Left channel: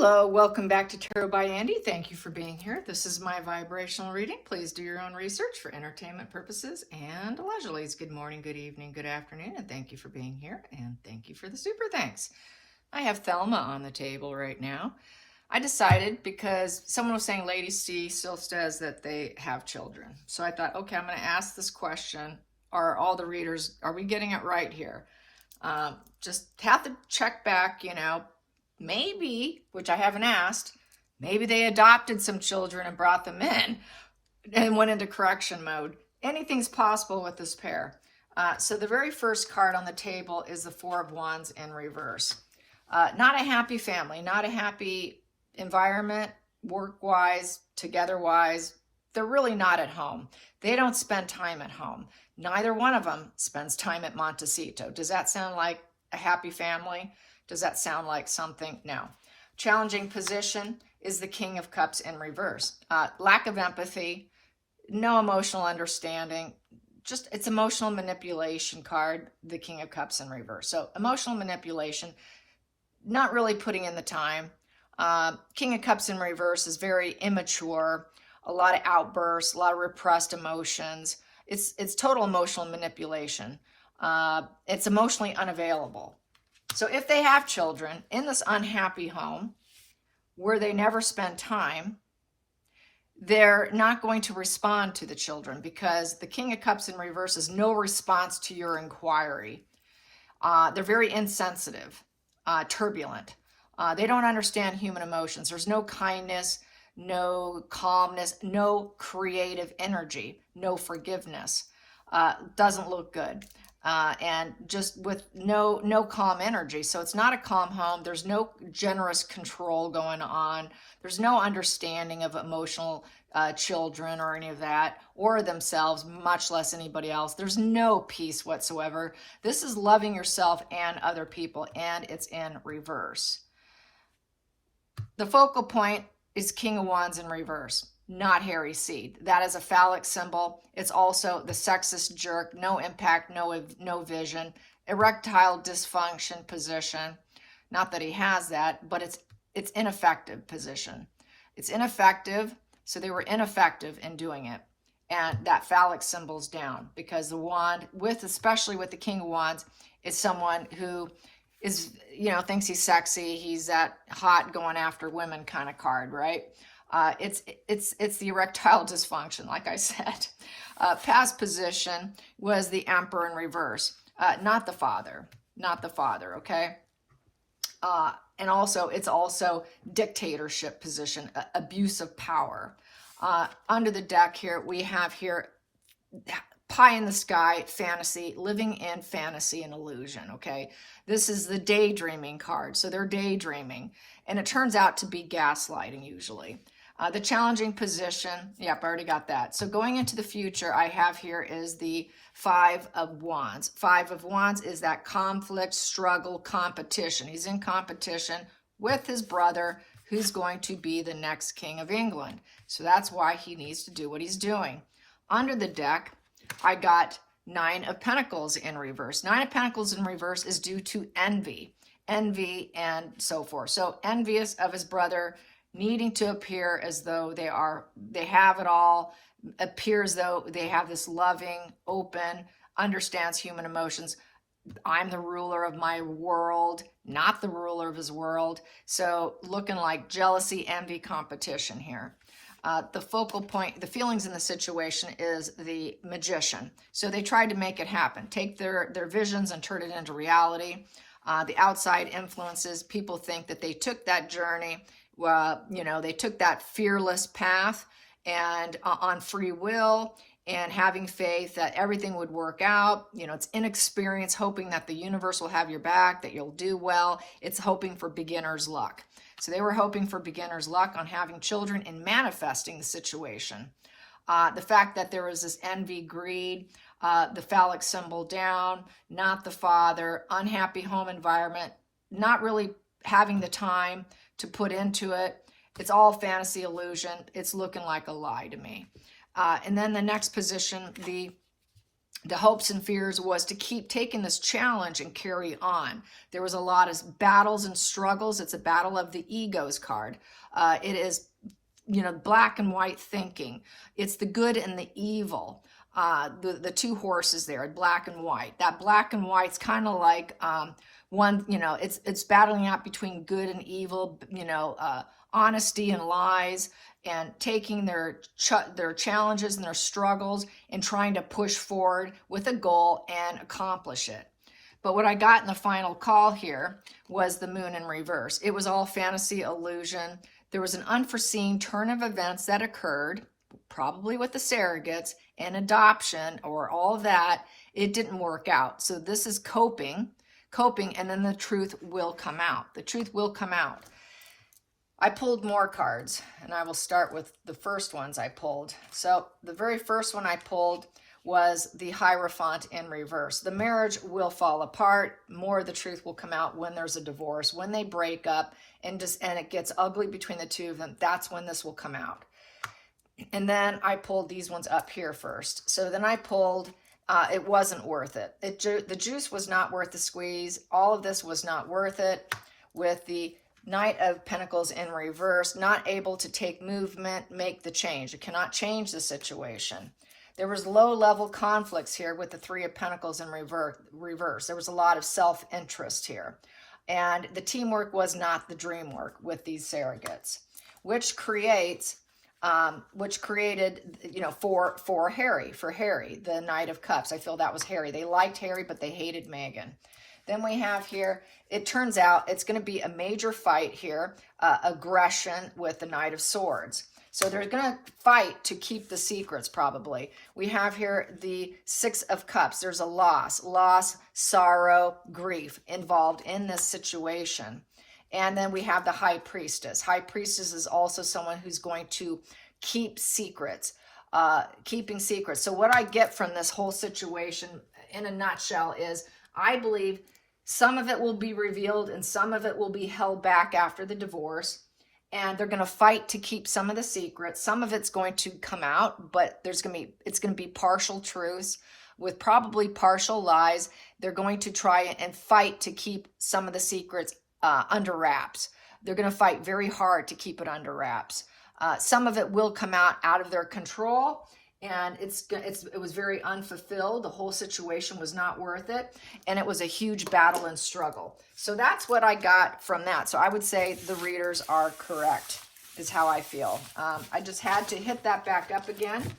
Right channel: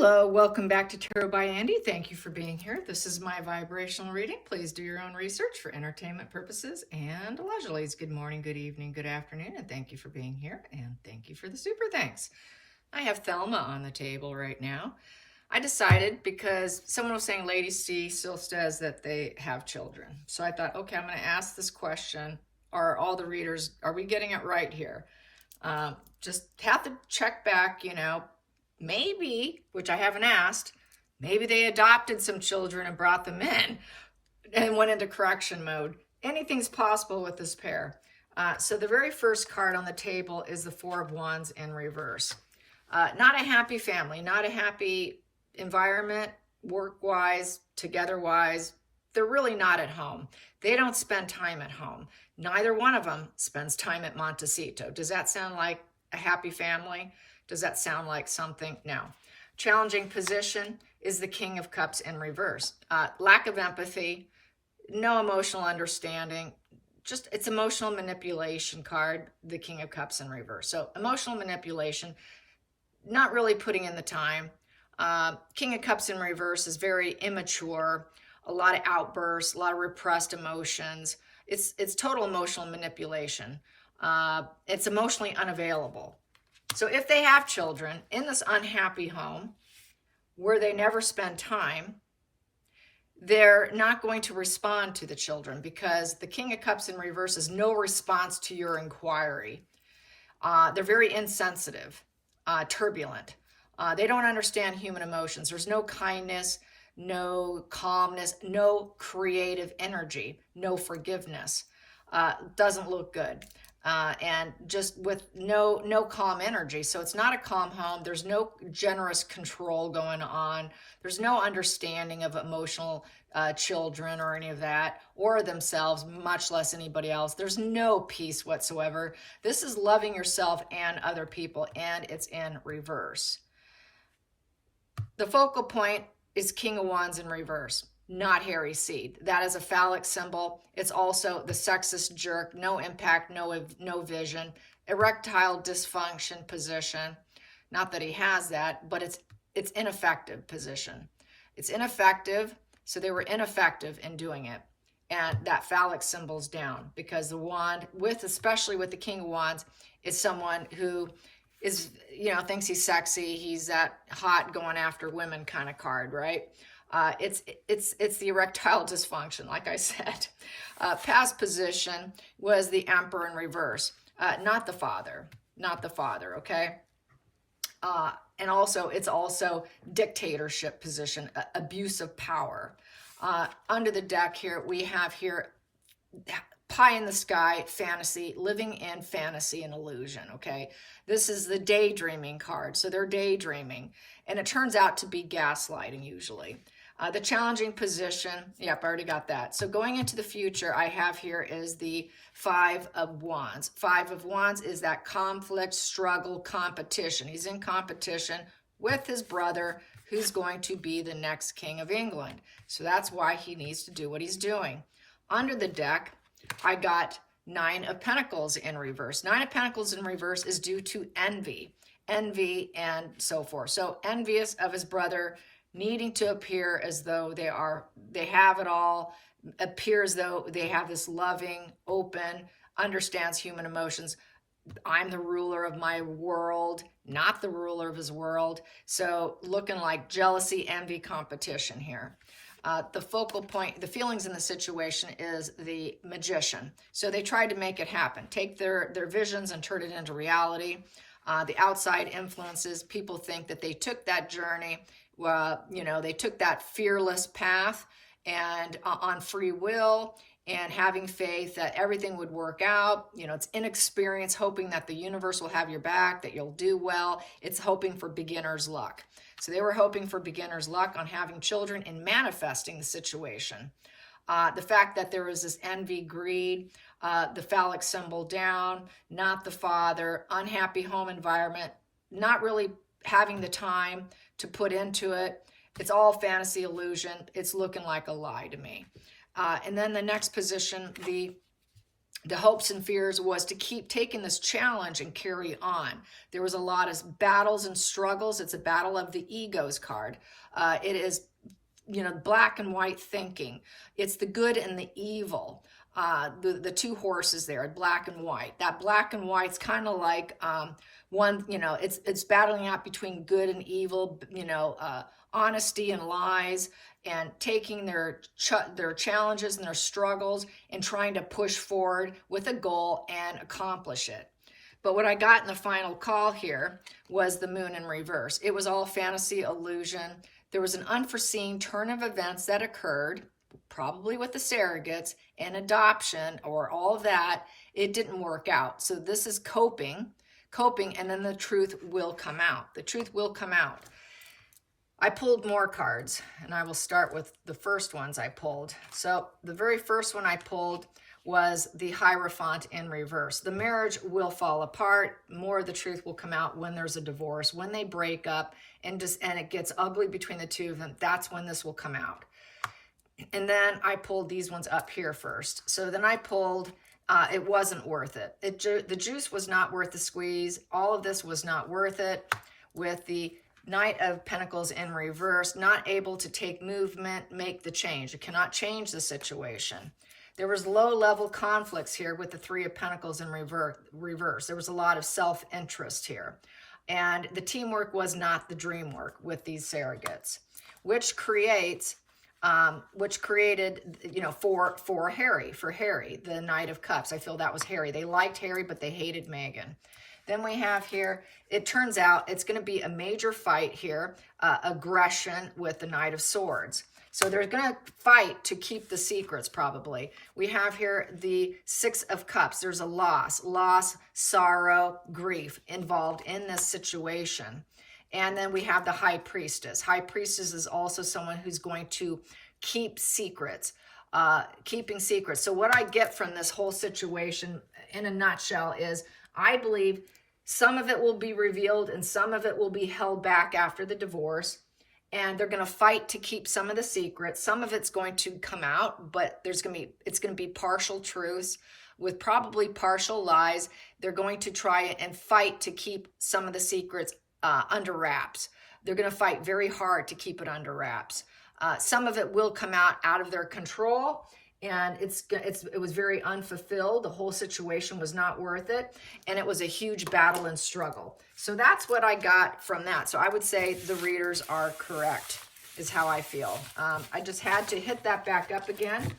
Hello, welcome back to Tarot by Andy. Thank you for being here. This is my vibrational reading. Please do your own research for entertainment purposes and leisurely. Good morning, good evening, good afternoon, and thank you for being here, and thank you for the super thanks. I have Thelma on the table right now. I decided because someone was saying Lady C still says that they have children. So I thought, okay, I'm going to ask this question. Are all the readers, are we getting it right here? Just have to check back, maybe, which I haven't asked, maybe they adopted some children and brought them in and went into correction mode. Anything's possible with this pair. So the very first card on the table is the Four of Wands in reverse. Not a happy family, not a happy environment, work-wise, together-wise. They're really not at home. They don't spend time at home. Neither one of them spends time at Montecito. Does that sound like a happy family? Does that sound like something? No. Challenging position is the King of Cups in reverse. Lack of empathy, no emotional understanding, just it's emotional manipulation card, the King of Cups in reverse. So emotional manipulation, not really putting in the time. King of Cups in reverse is very immature, a lot of outbursts, a lot of repressed emotions. It's total emotional manipulation. It's emotionally unavailable. So if they have children in this unhappy home where they never spend time, they're not going to respond to the children because the King of Cups in reverse is no response to your inquiry. They're very insensitive, turbulent. They don't understand human emotions. There's no kindness, no calmness, no creative energy, no forgiveness. Doesn't look good. And just with no calm energy. So it's not a calm home. There's no generous control going on. There's no understanding of emotional children or any of that, or themselves, much less anybody else. There's no peace whatsoever. This is loving yourself and other people, and it's in reverse. The focal point is King of Wands in reverse, not hairy seed. That is a phallic symbol. It's also the sexist jerk, no impact, no vision, erectile dysfunction position. Not that he has that, but it's ineffective position. It's ineffective, so they were ineffective in doing it. And that phallic symbol's down because the wand, especially with the King of Wands, is someone who is, thinks he's sexy. He's that hot going after women kind of card, right? It's the erectile dysfunction, like I said. Past position was the Emperor in reverse, not the father, okay? And also, it's also dictatorship position, abuse of power. Under the deck here, we have here pie in the sky, fantasy, living in fantasy and illusion, okay? This is the daydreaming card, so they're daydreaming, and it turns out to be gaslighting usually. The challenging position, yep, I already got that. So going into the future, I have here is the Five of Wands. Five of Wands is that conflict, struggle, competition. He's in competition with his brother, who's going to be the next King of England. So that's why he needs to do what he's doing. Under the deck, I got Nine of Pentacles in reverse. Nine of Pentacles in reverse is due to envy and so forth. So envious of his brother, needing to appear as though they have it all, appear as though they have this loving, open, understands human emotions. I'm the ruler of my world, not the ruler of his world. So looking like jealousy, envy, competition here. The focal point, the feelings in the situation is the Magician. So they tried to make it happen, take their visions and turn it into reality. The outside influences, people think that they took that journey, they took that fearless path and on free will and having faith that everything would work out. It's inexperience, hoping that the universe will have your back, that you'll do well. It's hoping for beginner's luck. So they were hoping for beginner's luck on having children and manifesting the situation. The fact that there was this envy, greed, the phallic symbol down, not the father, unhappy home environment, not really having the time to put into it. It's all fantasy illusion. It's looking like a lie to me. And then the next position, the the hopes and fears was to keep taking this challenge and carry on. There was a lot of battles and struggles. It's a battle of the egos card. It is, black and white thinking. It's the good and the evil. The two horses there, black and white. That black and white's kind of like one, it's battling out between good and evil, honesty and lies, and taking their challenges and their struggles and trying to push forward with a goal and accomplish it. But what I got in the final call here was the moon in reverse. It was all fantasy, illusion. There was an unforeseen turn of events that occurred, probably with the surrogates and adoption or all of that. It didn't work out. So this is coping, and then the truth will come out. The truth will come out. I pulled more cards, and I will start with the first ones I pulled. So the very first one I pulled was the Hierophant in reverse. The marriage will fall apart. More of the truth will come out when there's a divorce, when they break up, and it gets ugly between the two of them. That's when this will come out. And then I pulled these ones up here first. So then I pulled, it wasn't worth it. The juice was not worth the squeeze. All of this was not worth it. With the Knight of Pentacles in reverse, not able to take movement, make the change. It cannot change the situation. There was low-level conflicts here with the Three of Pentacles in reverse. There was a lot of self-interest here. And the teamwork was not the dream work with these surrogates, which created, for Harry, the Knight of Cups. I feel that was Harry. They liked Harry, but they hated Meghan. Then we have here, it turns out it's going to be a major fight here, aggression with the Knight of Swords. So they're going to fight to keep the secrets, probably. We have here the Six of Cups. There's a loss, sorrow, grief involved in this situation. And then we have the High Priestess. High Priestess is also someone who's going to keep secrets, keeping secrets. So what I get from this whole situation in a nutshell is I believe some of it will be revealed and some of it will be held back after the divorce. And they're going to fight to keep some of the secrets. Some of it's going to come out, but it's going to be partial truths with probably partial lies. They're going to try and fight to keep some of the secrets under wraps. They're going to fight very hard to keep it under wraps. Some of it will come out of their control, and it was very unfulfilled. The whole situation was not worth it, and it was a huge battle and struggle. So that's what I got from that. So I would say the readers are correct, is how I feel. I just had to hit that back up again.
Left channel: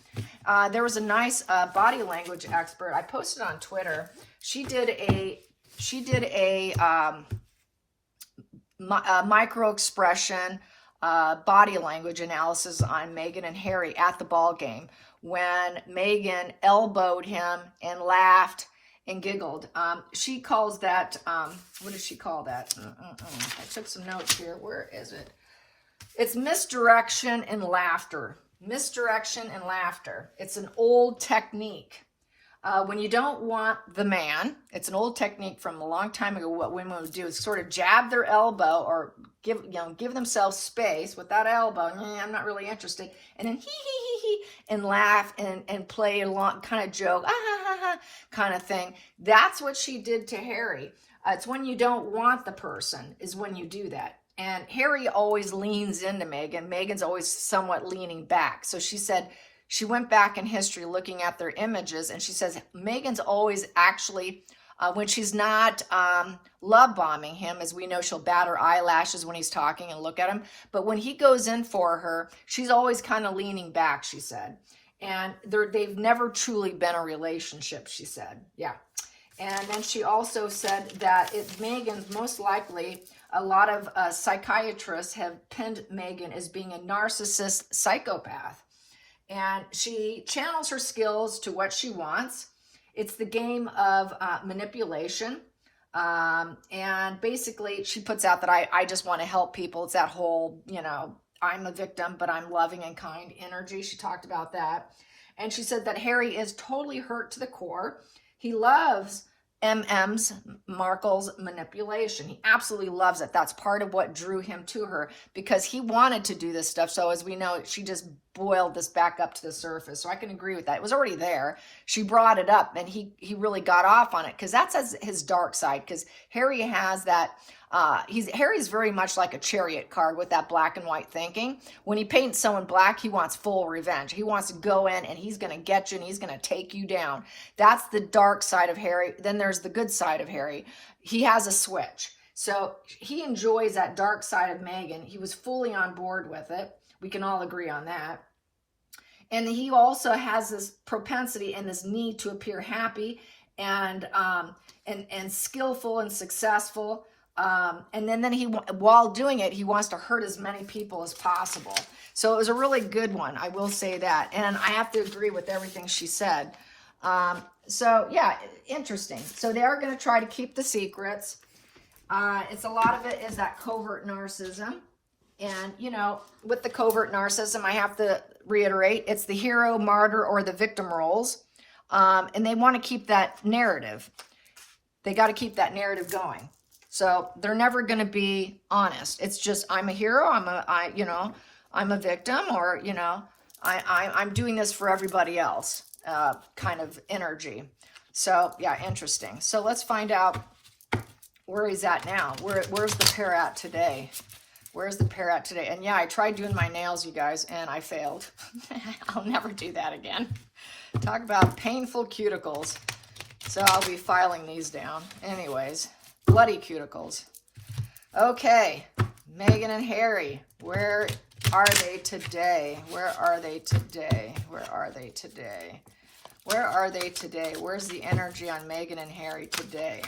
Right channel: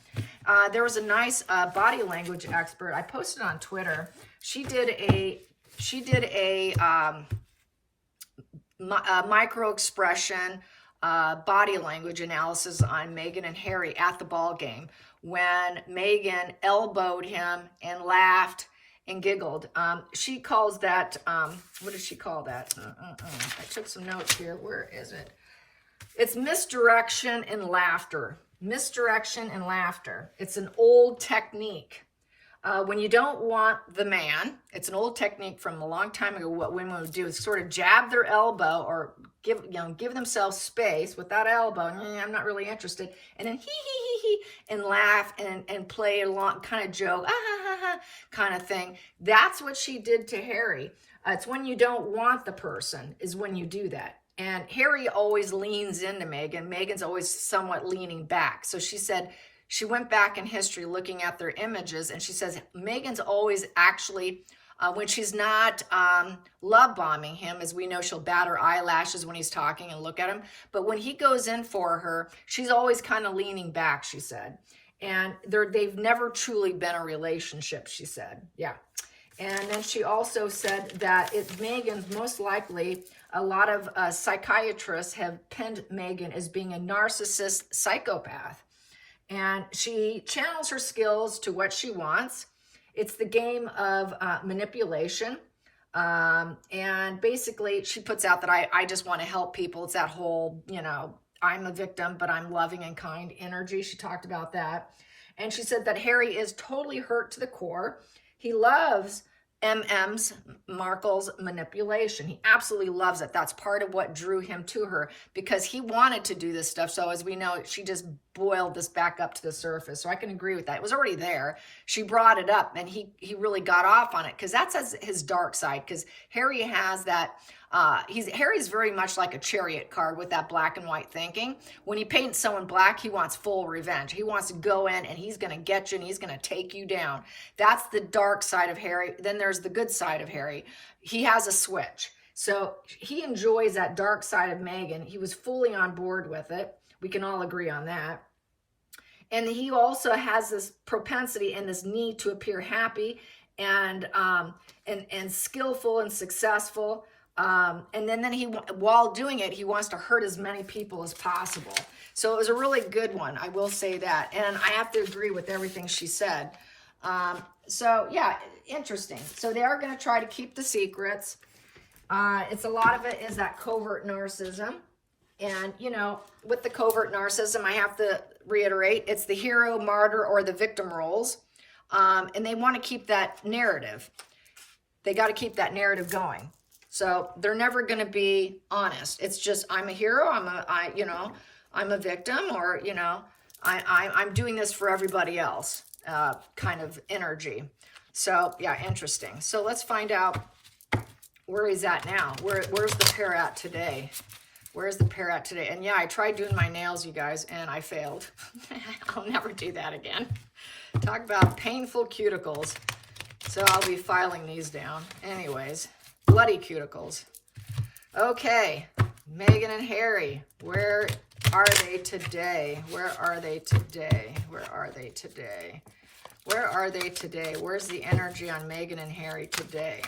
There was a nice body language expert. I posted on Twitter. She did a micro expression body language analysis on Meghan and Harry at the ball game, when Meghan elbowed him and laughed and giggled. She calls that, what does she call that? I took some notes here. Where is it? It's misdirection and laughter. Misdirection and laughter. It's an old technique. When you don't want the man, it's an old technique from a long time ago. What women would do is sort of jab their elbow or give themselves space with that elbow. I'm not really interested. And then and laugh and play along, kind of joke, kind of thing. That's what she did to Harry. It's when you don't want the person is when you do that. And Harry always leans into Meghan. Meghan's always somewhat leaning back. So she said, she went back in history looking at their images, and she says Meghan's always actually, when she's not love bombing him, as we know, she'll bat her eyelashes when he's talking and look at him. But when he goes in for her, she's always kind of leaning back, she said. And they've never truly been a relationship, she said. Yeah. And then she also said that Meghan's most likely, a lot of psychiatrists have pinned Meghan as being a narcissist psychopath. And she channels her skills to what she wants. It's the game of manipulation. And basically, she puts out that I just want to help people. It's that whole, I'm a victim, but I'm loving and kind energy. She talked about that. And she said that Harry is totally hurt to the core. He loves Markle's manipulation. He absolutely loves it. That's part of what drew him to her, because he wanted to do this stuff. So as we know, she just boiled this back up to the surface. So I can agree with that. It was already there. She brought it up, and he really got off on it, because that's his dark side. Because Harry has that. Harry's very much like a Chariot card with that black and white thinking. When he paints someone black, he wants full revenge. He wants to go in and he's going to get you and he's going to take you down. That's the dark side of Harry. Then there's the good side of Harry. He has a switch. So he enjoys that dark side of Meghan. He was fully on board with it. We can all agree on that. And he also has this propensity and this need to appear happy and skillful and successful. And then he, while doing it, he wants to hurt as many people as possible. So it was a really good one. I will say that. And I have to agree with everything she said. So yeah, interesting. So they are going to try to keep the secrets. It's a lot of it is that covert narcissism. And, you know, with the covert narcissism, I have to reiterate, it's the hero, martyr, or the victim roles. And they want to keep that narrative. They got to keep that narrative going. So they're never going to be honest. It's just, I'm a hero, I'm a victim, or, you know, I'm doing this for everybody else, kind of energy. So yeah, interesting. So let's find out where he's at now. Where's the pair at today? Where's the pair at today? And yeah, I tried doing my nails, you guys, and I failed. I'll never do that again. Talk about painful cuticles. So I'll be filing these down. Anyways. Bloody cuticles. Okay, Meghan and Harry, where are they today? Where are they today? Where are they today? Where are they today? Where's the energy on Meghan and Harry today?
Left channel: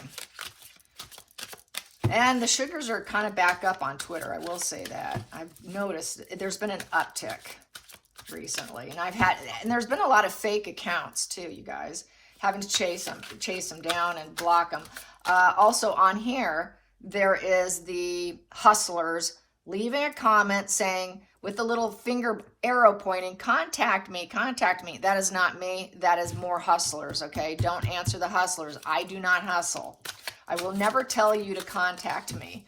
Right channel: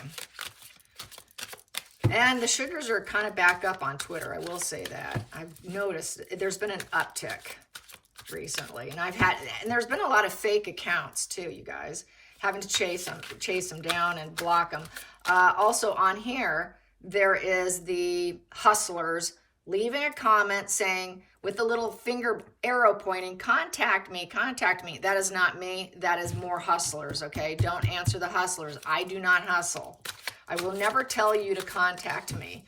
And the sugars are kind of back up on Twitter, I will say that. I've noticed there's been an uptick recently, and there's been a lot of fake accounts too, you guys, having to chase them down and block them. Also on here, there is the hustlers leaving a comment saying, with the little finger arrow pointing, contact me, contact me. That is not me. That is more hustlers, okay? Don't answer the hustlers. I do not hustle. I will never tell you to contact me.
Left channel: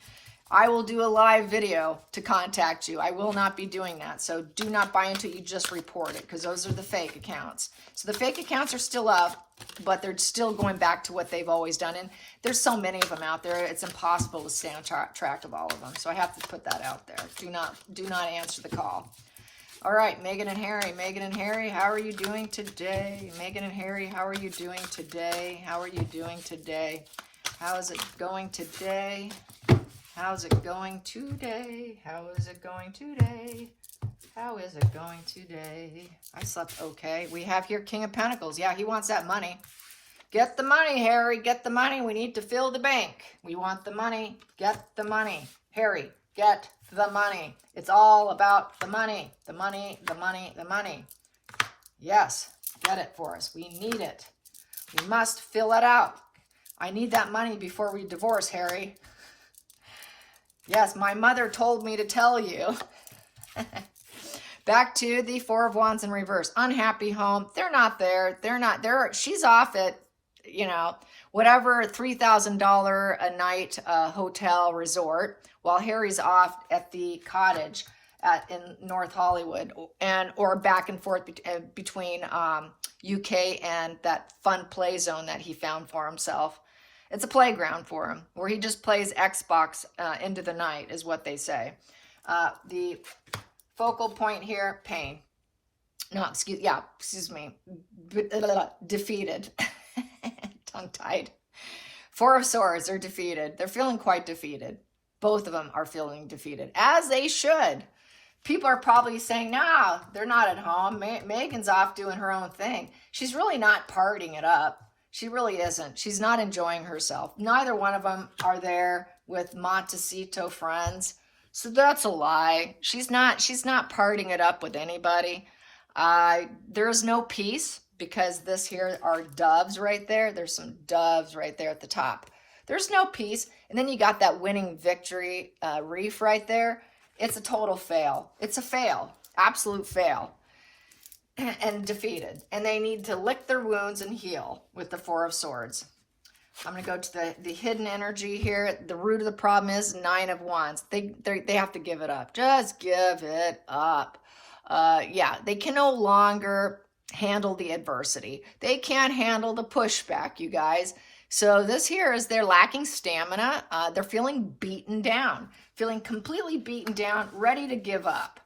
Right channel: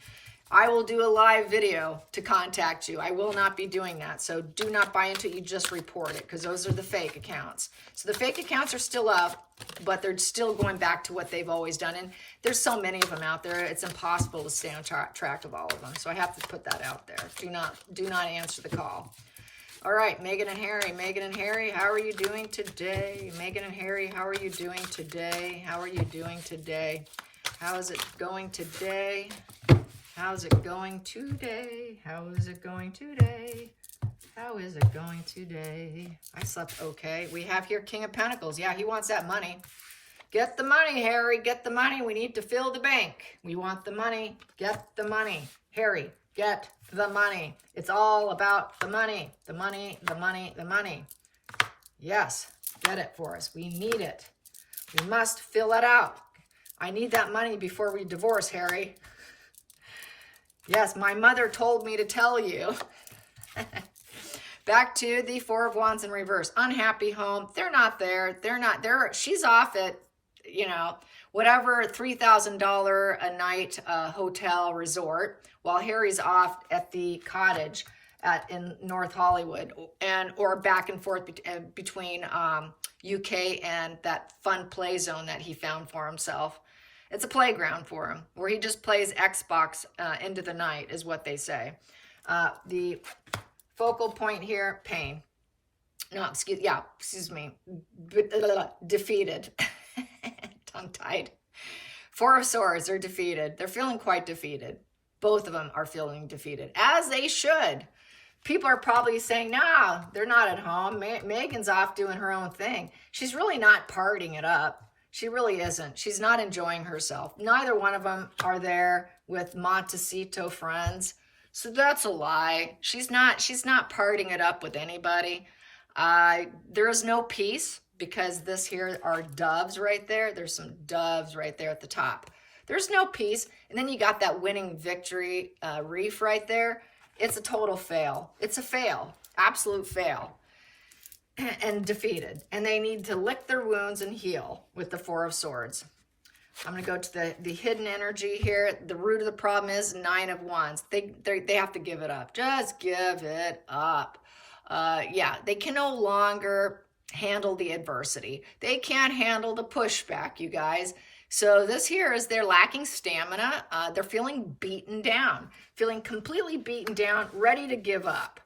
I will do a live video to contact you. I will not be doing that. So do not buy into it. You just report it, because those are the fake accounts. So the fake accounts are still up, but they're still going back to what they've always done. And there's so many of them out there. It's impossible to stay on track of all of them. So I have to put that out there. Do not answer the call. All right, Meghan and Harry. Meghan and Harry, how are you doing today? Meghan and Harry, how are you doing today? How are you doing today? How is it going today? How's it going today? How is it going today? How is it going today? I slept okay. We have here King of Pentacles. Yeah, he wants that money. Get the money, Harry. Get the money. We need to fill the bank. We want the money. Get the money. Harry, get the money. It's all about the money. The money, the money, the money. Yes, get it for us. We need it. We must fill it out. I need that money before we divorce, Harry. Yes, my mother told me to tell you. Back to the Four of Wands in reverse. Unhappy home. They're not there. They're not there. She's off at, you know, whatever, $3,000 a night hotel resort, while Harry's off at the cottage in North Hollywood, or back and forth between UK and that fun play zone that he found for himself. It's a playground for him, where he just plays Xbox into the night, is what they say. The focal point here, pain. No, excuse me. Defeated. Tongue-tied. Four of Swords, they're defeated. They're feeling quite defeated. Both of them are feeling defeated, as they should. People are probably saying, no, they're not at home. Meghan's off doing her own thing. She's really not partying it up. She really isn't. She's not enjoying herself. Neither one of them are there with Montecito friends. So that's a lie. She's not partying it up with anybody. There's no peace, because this here are doves right there. There's some doves right there at the top. There's no peace. And then you got that winning victory reef right there. It's a total fail. It's a fail. Absolute fail. And defeated. And they need to lick their wounds and heal with the Four of Swords. I'm going to go to the hidden energy here. The root of the problem is 9 of Wands. They have to give it up. Just give it up. Yeah, they can no longer handle the adversity. They can't handle the pushback, you guys. So this here is they're lacking stamina. They're feeling beaten down, feeling completely beaten down, ready to give up.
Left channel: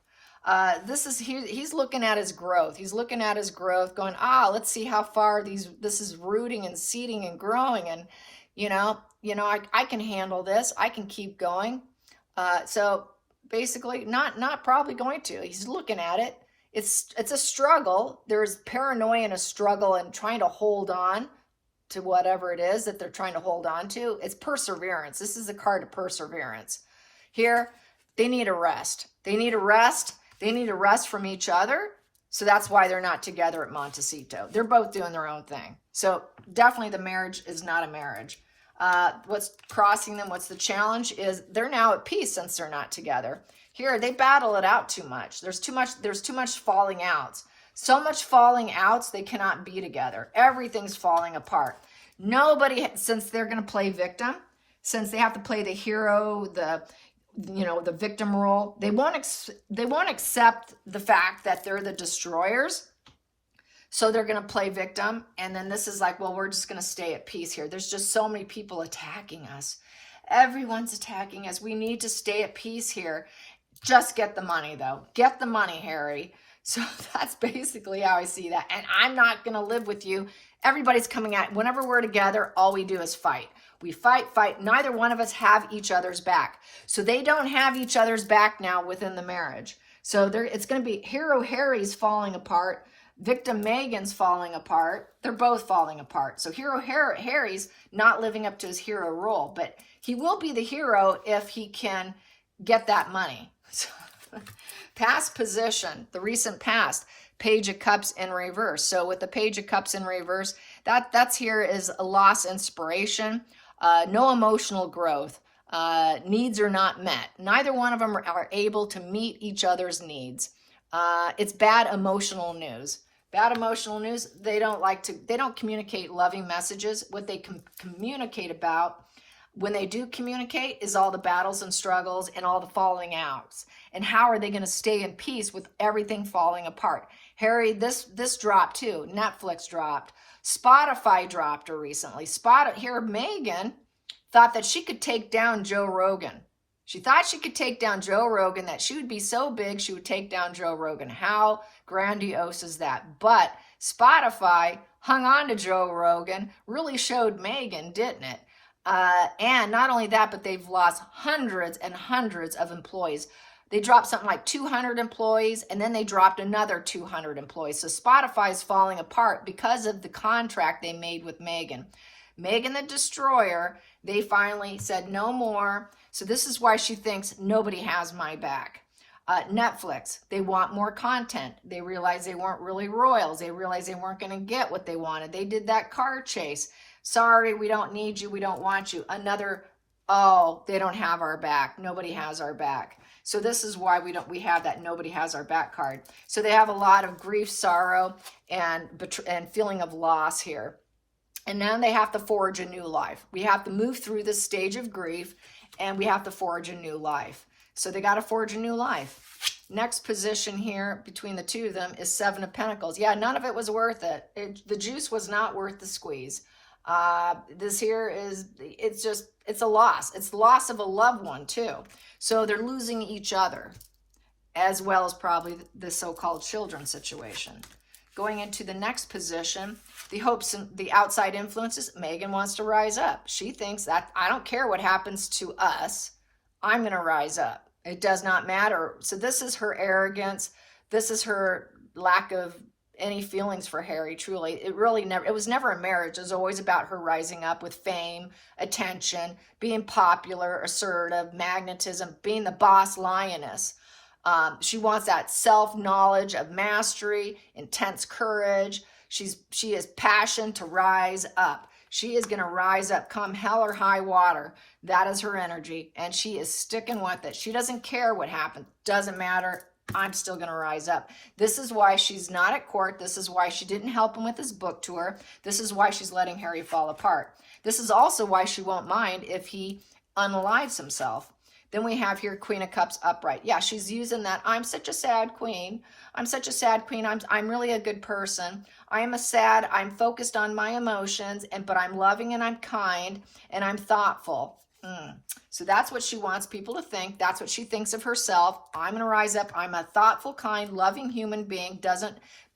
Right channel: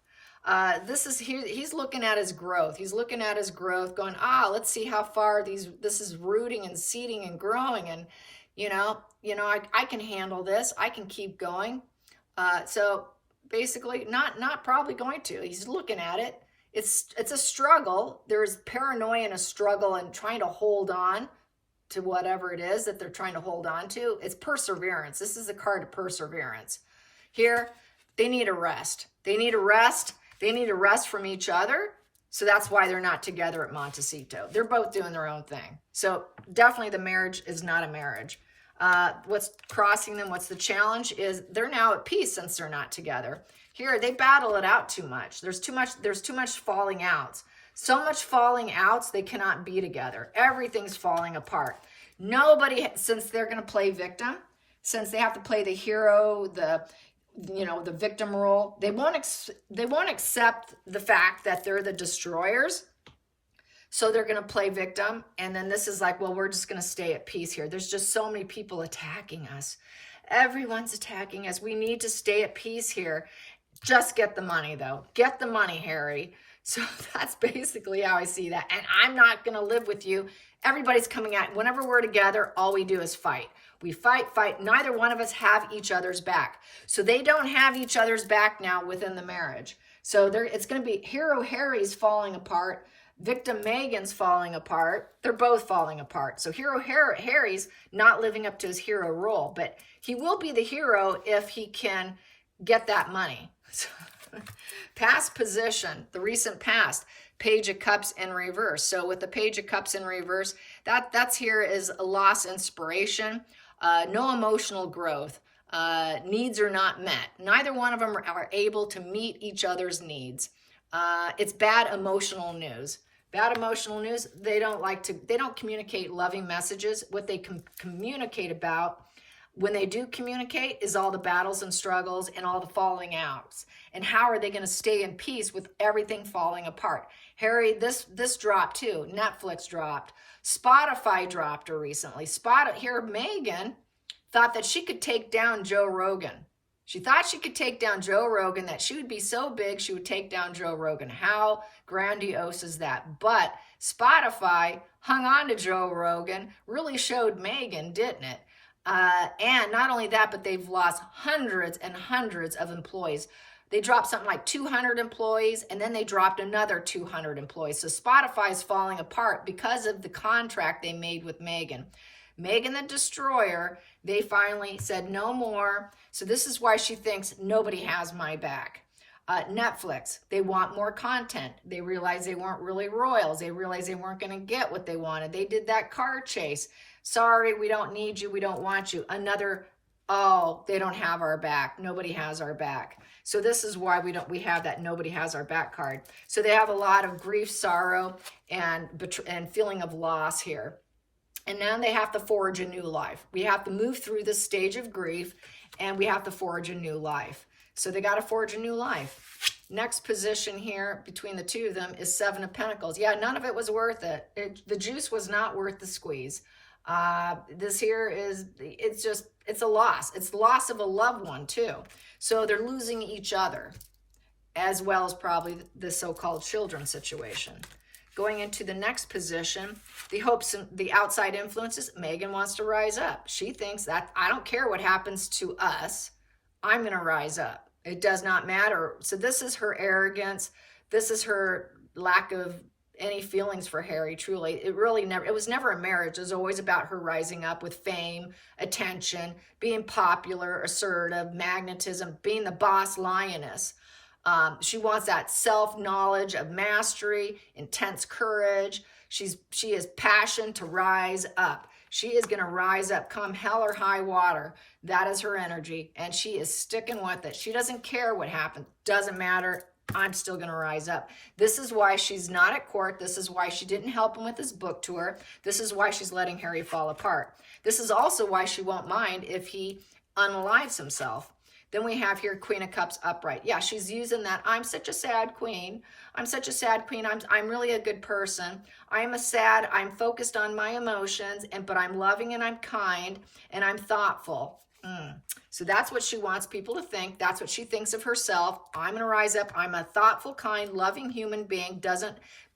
He's looking at his growth. He's looking at his growth going, let's see how far this is rooting and seeding and growing. And, I can handle this. I can keep going. So basically not probably going to. He's looking at it. It's a struggle. There's paranoia and a struggle and trying to hold on to whatever it is that they're trying to hold on to. It's perseverance. This is a card of perseverance. Here, they need a rest. They need a rest. They need a rest from each other. So that's why they're not together at Montecito. They're both doing their own thing. So definitely the marriage is not a marriage. What's crossing them, what's the challenge is they're now at peace since they're not together. Here, they battle it out too much. There's too much falling out. So much falling out, they cannot be together. Everything's falling apart. Nobody, since they're going to play victim, since they have to play the hero, the victim role, they won't accept the fact that they're the destroyers. So they're going to play victim. And then this is like, well, we're just going to stay at peace here. There's just so many people attacking us. Everyone's attacking us. We need to stay at peace here. Just get the money, though. Get the money, Harry. So that's basically how I see that. And I'm not going to live with you. Everybody's coming at, whenever we're together, all we do is fight. We fight. Neither one of us have each other's back. So they don't have each other's back now within the marriage. So it's going to be hero Harry's falling apart. Victim Megan's falling apart. They're both falling apart. So hero Harry's not living up to his hero role. But he will be the hero if he can get that money. Past position, the recent past, Page of Cups in reverse. So with the Page of Cups in reverse, that's here is a lost inspiration, no emotional growth, needs are not met. Neither one of them are able to meet each other's needs. It's bad emotional news. Bad emotional news, they don't communicate loving messages. What they communicate about, when they do communicate, is all the battles and struggles and all the falling outs. And how are they going to stay in peace with everything falling apart? Harry, this dropped too. Netflix dropped. Spotify dropped her recently. Here, Megan thought that she could take down Joe Rogan. She thought she could take down Joe Rogan, that she would be so big she would take down Joe Rogan. How grandiose is that? But Spotify hung on to Joe Rogan, really showed Megan, didn't it? And not only that, but they've lost hundreds and hundreds of employees. They dropped something like 200 employees, and then they dropped another 200 employees. So Spotify's falling apart because of the contract they made with Megan. Megan the Destroyer, they finally said no more. So this is why she thinks nobody has my back. Netflix, they want more content. They realized they weren't really royals. They realized they weren't going to get what they wanted. They did that car chase. Sorry, we don't need you. We don't want you. They don't have our back. Nobody has our back. So this is why we have that nobody has our back card. So they have a lot of grief, sorrow, and feeling of loss here. And now they have to forge a new life. We have to move through this stage of grief, and we have to forge a new life. So they got to forge a new life. Next position here between the two of them is Seven of Pentacles. Yeah, none of it was worth it. The juice was not worth the squeeze. This here it's a loss. It's the loss of a loved one too. So they're losing each other, as well as probably the so-called children situation. Going into the next position, the hopes and the outside influences, Megan wants to rise up. She thinks that I don't care what happens to us, I'm going to rise up. It does not matter. So this is her arrogance. This is her lack of any feelings for Harry, truly. It was never a marriage. It was always about her rising up with fame, attention, being popular, assertive, magnetism, being the boss lioness. She wants that self-knowledge of mastery, intense courage. She has passion to rise up. She is going to rise up come hell or high water. That is her energy, and she is sticking with it. She doesn't care what happens. Doesn't matter. I'm still going to rise up. This is why she's not at court. This is why she didn't help him with his book tour. This is why she's letting Harry fall apart. This is also why she won't mind if he unalives himself. Then we have here Queen of Cups upright. Yeah, she's using that, I'm such a sad queen. I'm such a sad queen. I'm really a good person. I'm focused on my emotions, but I'm loving and I'm kind and I'm thoughtful. So that's what she wants people to think. That's what she thinks of herself. I'm going to rise up. I'm a thoughtful, kind, loving human being.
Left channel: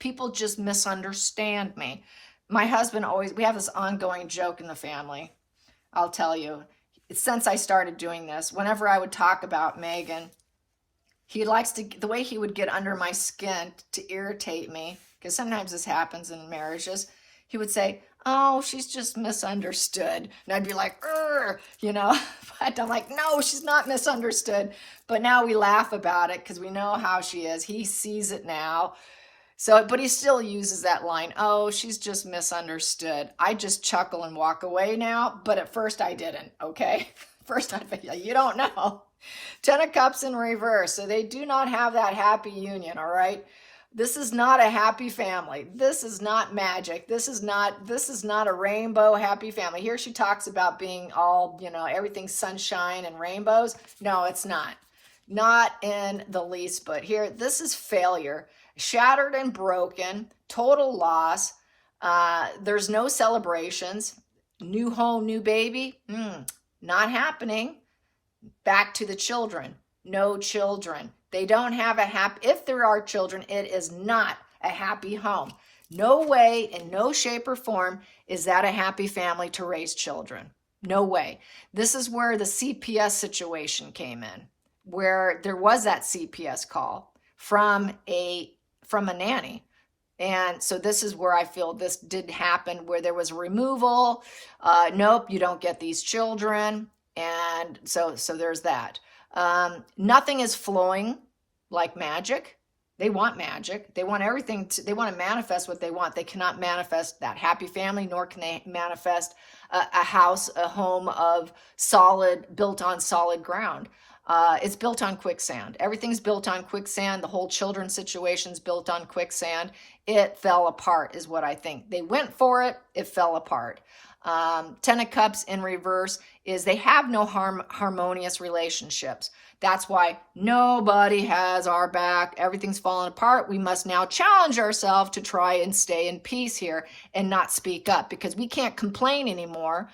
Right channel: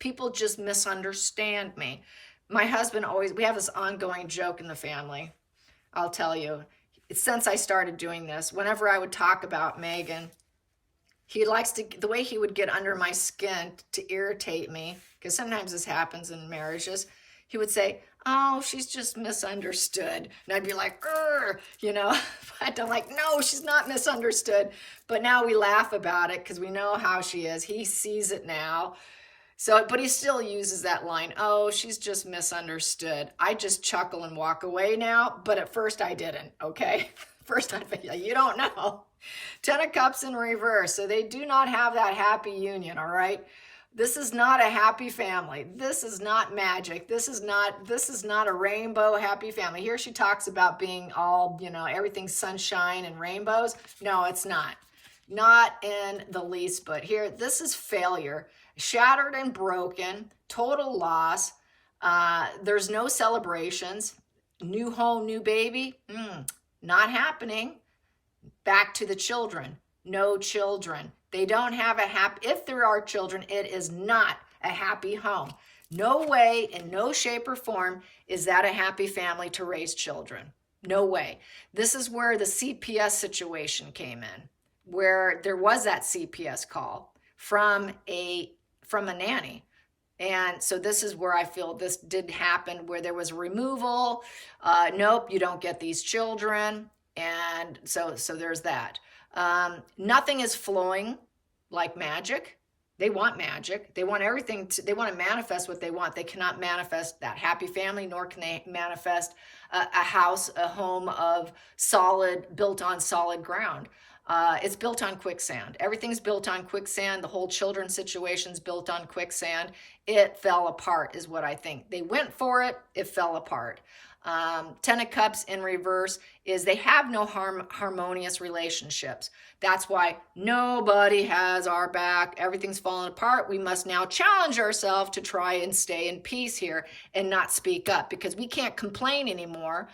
People just misunderstand me. My husband we have this ongoing joke in the family. I'll tell you, since I started doing this, whenever I would talk about Megan, the way he would get under my skin to irritate me, because sometimes this happens in marriages, he would say, oh, she's just misunderstood. And I'd be like, but I'm like, no, she's not misunderstood. But now we laugh about it because we know how she is. He sees it now. But he still uses that line, oh, she's just misunderstood. I just chuckle and walk away now, but at first I didn't, okay? First I'd be like, you don't know. 10 of Cups in reverse, so they do not have that happy union, all right? This is not a happy family. This is not magic. This is not a rainbow happy family. Here she talks about being all, everything's sunshine and rainbows. No, it's not. Not in the least, but here, this is failure. Shattered and broken, total loss. There's no celebrations. New home, new baby, not happening. Back to the children. No children. They don't have if there are children, it is not a happy home. No way, in no shape or form, is that a happy family to raise children. No way. This is where the CPS situation came in, where there was that CPS call from a nanny. And so this is where I feel this did happen, where there was removal. Nope, you don't get these children. And so there's that. Nothing is flowing like magic. They want magic. They want everything. They want to manifest what they want. They cannot manifest that happy family, nor can they manifest a house, a home built on solid ground. It's built on quicksand. Everything's built on quicksand. The whole children situation's built on quicksand. It fell apart is what I think. They went for it. It fell apart. 10 of Cups in reverse is they have no harmonious relationships. That's why nobody has our back. Everything's falling apart. We must now challenge ourselves to try and stay in peace here and not speak up, because we can't complain anymore.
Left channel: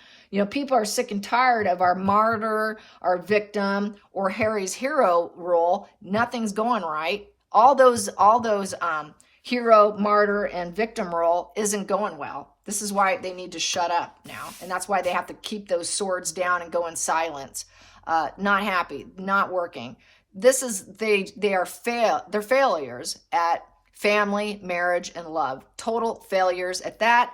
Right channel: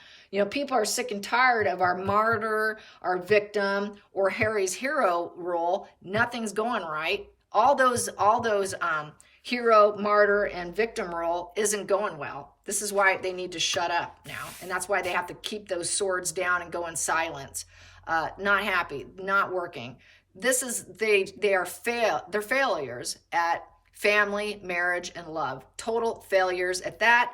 People are sick and tired of our martyr, our victim, or Harry's hero role. Nothing's going right. All those hero, martyr, and victim role isn't going well. This is why they need to shut up now. And that's why they have to keep those swords down and go in silence. Not happy, not working. They're failures at family, marriage, and love. Total failures at that.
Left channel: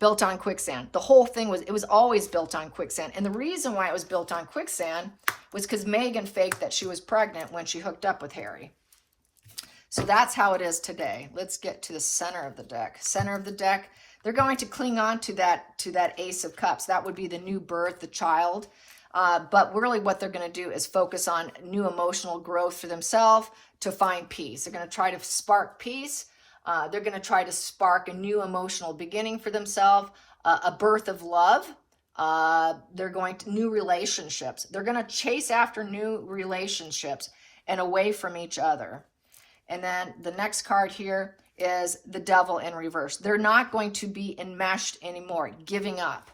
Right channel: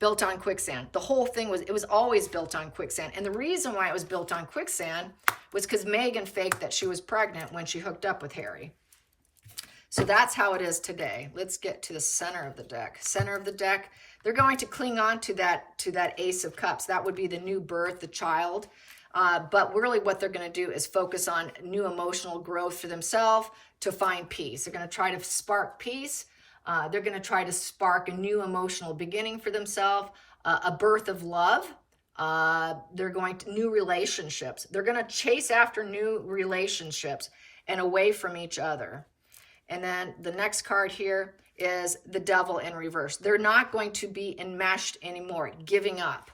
Built on quicksand. The whole thing was always built on quicksand. And the reason why it was built on quicksand was because Megan faked that she was pregnant when she hooked up with Harry. So that's how it is today. Let's get to the center of the deck. Center of the deck, they're going to cling on to that Ace of Cups. That would be the new birth, the child. But really what they're going to do is focus on new emotional growth for themselves to find peace. They're going to try to spark peace. They're going to try to spark a new emotional beginning for themselves, a birth of love. They're going to new relationships. They're going to chase after new relationships and away from each other. And then the next card here is the Devil in reverse. They're not going to be enmeshed anymore. Giving up,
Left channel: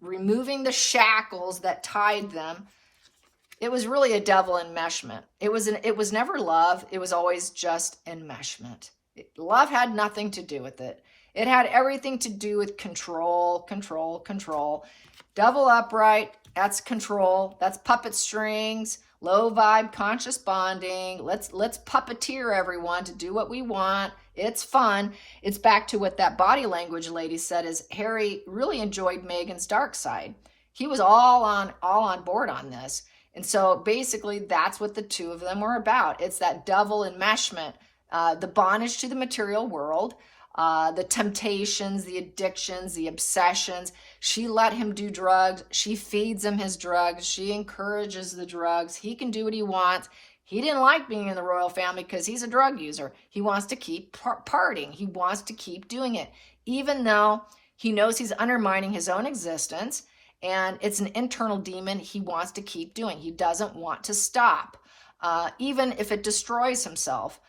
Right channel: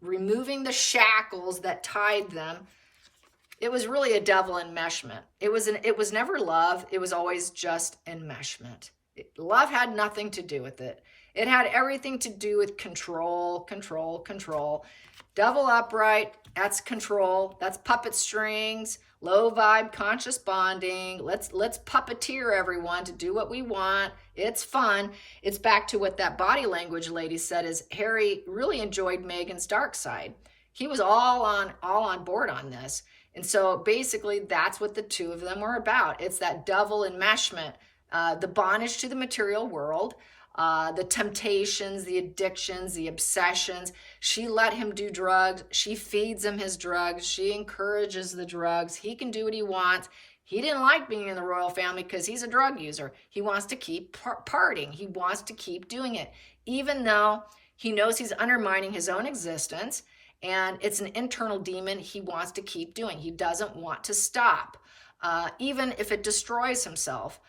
removing the shackles that tied them. It was really a devil enmeshment. It was never love. It was always just enmeshment. Love had nothing to do with it. It had everything to do with control, control, control. Devil upright, that's control. That's puppet strings, low vibe, conscious bonding. Let's puppeteer everyone to do what we want. It's fun. It's back to what that body language lady said, is Harry really enjoyed Meghan's dark side. He was all on board on this. And so basically that's what the two of them were about. It's that devil enmeshment, the bondage to the material world, the temptations, the addictions, the obsessions. She let him do drugs. She feeds him his drugs. She encourages the drugs. He can do what he wants. He didn't like being in the royal family because he's a drug user. He wants to keep partying. He wants to keep doing it, even though He knows he's undermining his own existence, and it's an internal demon he wants to keep doing. He doesn't want to stop, even if it destroys himself.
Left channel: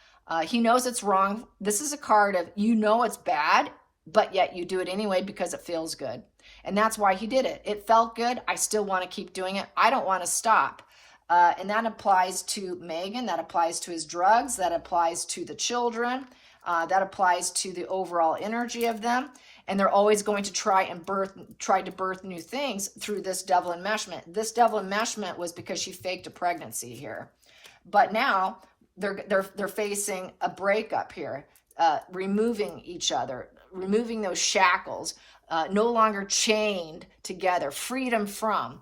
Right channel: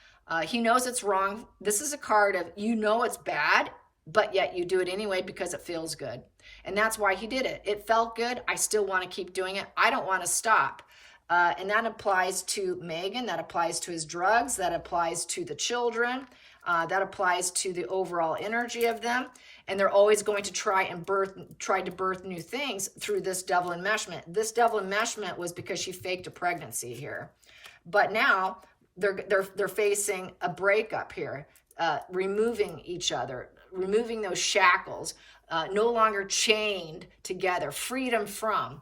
He knows it's wrong. This is a card of, you know it's bad, but yet you do it anyway because it feels good. And that's why he did it. It felt good. I still want to keep doing it. I don't want to stop. And that applies to Megan. That applies to his drugs. That applies to the children. That applies to the overall energy of them. And they're always going to try to birth new things through this devil enmeshment. This devil enmeshment was because she faked a pregnancy here. But now they're facing a breakup here, removing each other, removing those shackles, no longer chained together, freedom from,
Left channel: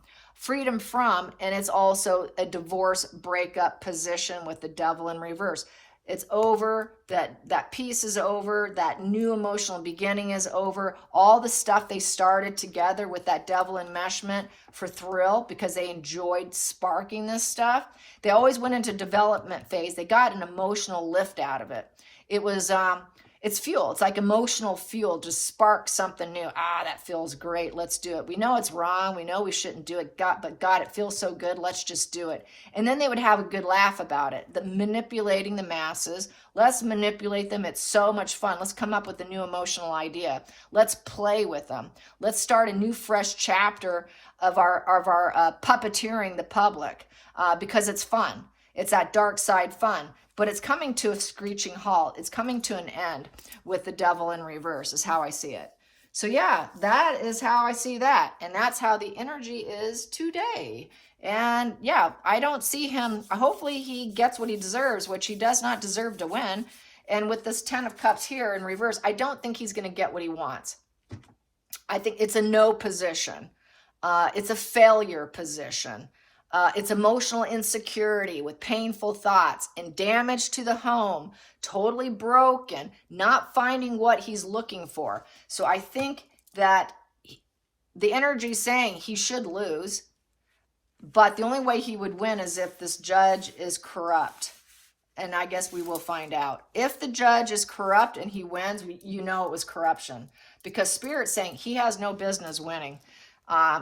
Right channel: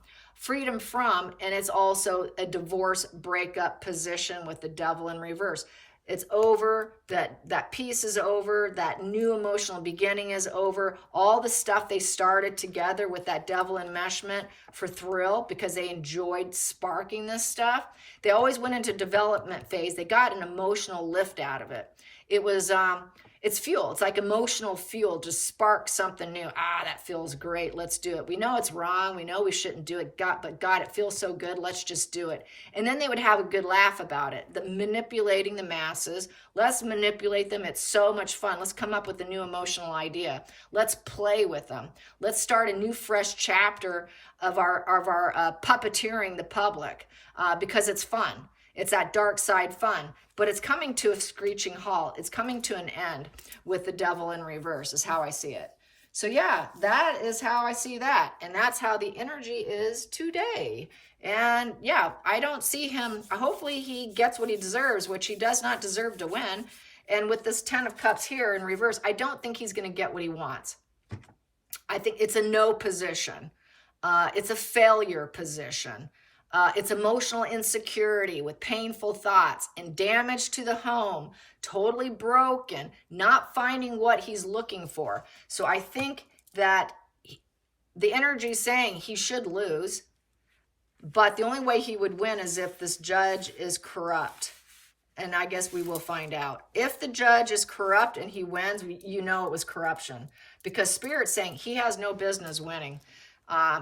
and it's also a divorce breakup position with the devil in reverse. It's over, that piece is over, that new emotional beginning is over. All the stuff they started together with that devil enmeshment for thrill, because they enjoyed sparking this stuff. They always went into development phase. They got an emotional lift out of it. It was, it's fuel. It's like emotional fuel to spark something new. That feels great. Let's do it. We know it's wrong. We know we shouldn't do it. But God, it feels so good. Let's just do it. And then they would have a good laugh about it. Manipulating the masses. Let's manipulate them. It's so much fun. Let's come up with a new emotional idea. Let's play with them. Let's start a new, fresh chapter of our puppeteering the public, because it's fun. It's that dark side fun. But it's coming to a screeching halt. It's coming to an end with the devil in reverse is how I see it. So yeah, that is how I see that. And that's how the energy is today. And yeah, I don't see him. Hopefully he gets what he deserves, which he does not deserve to win. And with this 10 of Cups here in reverse, I don't think he's going to get what he wants. I think it's a no position. It's a failure position. It's emotional insecurity with painful thoughts and damage to the home, totally broken, not finding what he's looking for. So I think that the energy is saying he should lose, but the only way he would win is if this judge is corrupt. And I guess we will find out. If the judge is corrupt and he wins, you know it was corruption, because Spirit's saying he has no business winning.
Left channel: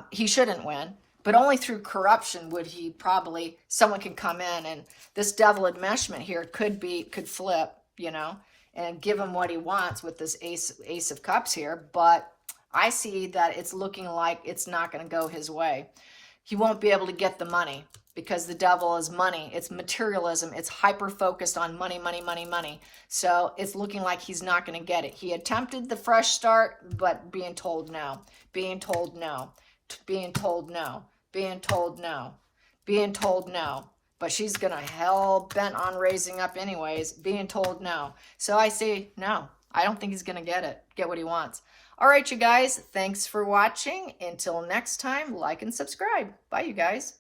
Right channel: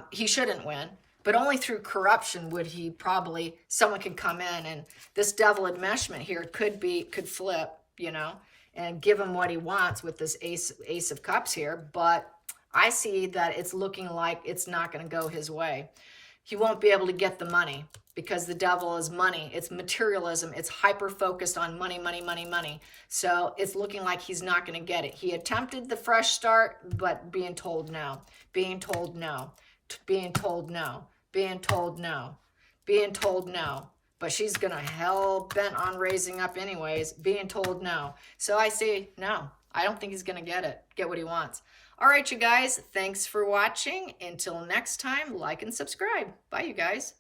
He shouldn't win. But only through corruption would he probably, someone can come in, and this devil enmeshment here could flip, and give him what he wants with this ace of cups here. But I see that it's looking like it's not going to go his way. He won't be able to get the money because the devil is money. It's materialism. It's hyper-focused on money, money, money, money. So it's looking like he's not going to get it. He attempted the fresh start, but being told no, being told no, being told no, being told no, being told no. But she's going to hell bent on raising up anyways, being told no. So I say no. I don't think he's going to get what he wants. All right, you guys. Thanks for watching. Until next time, like and subscribe. Bye, you guys.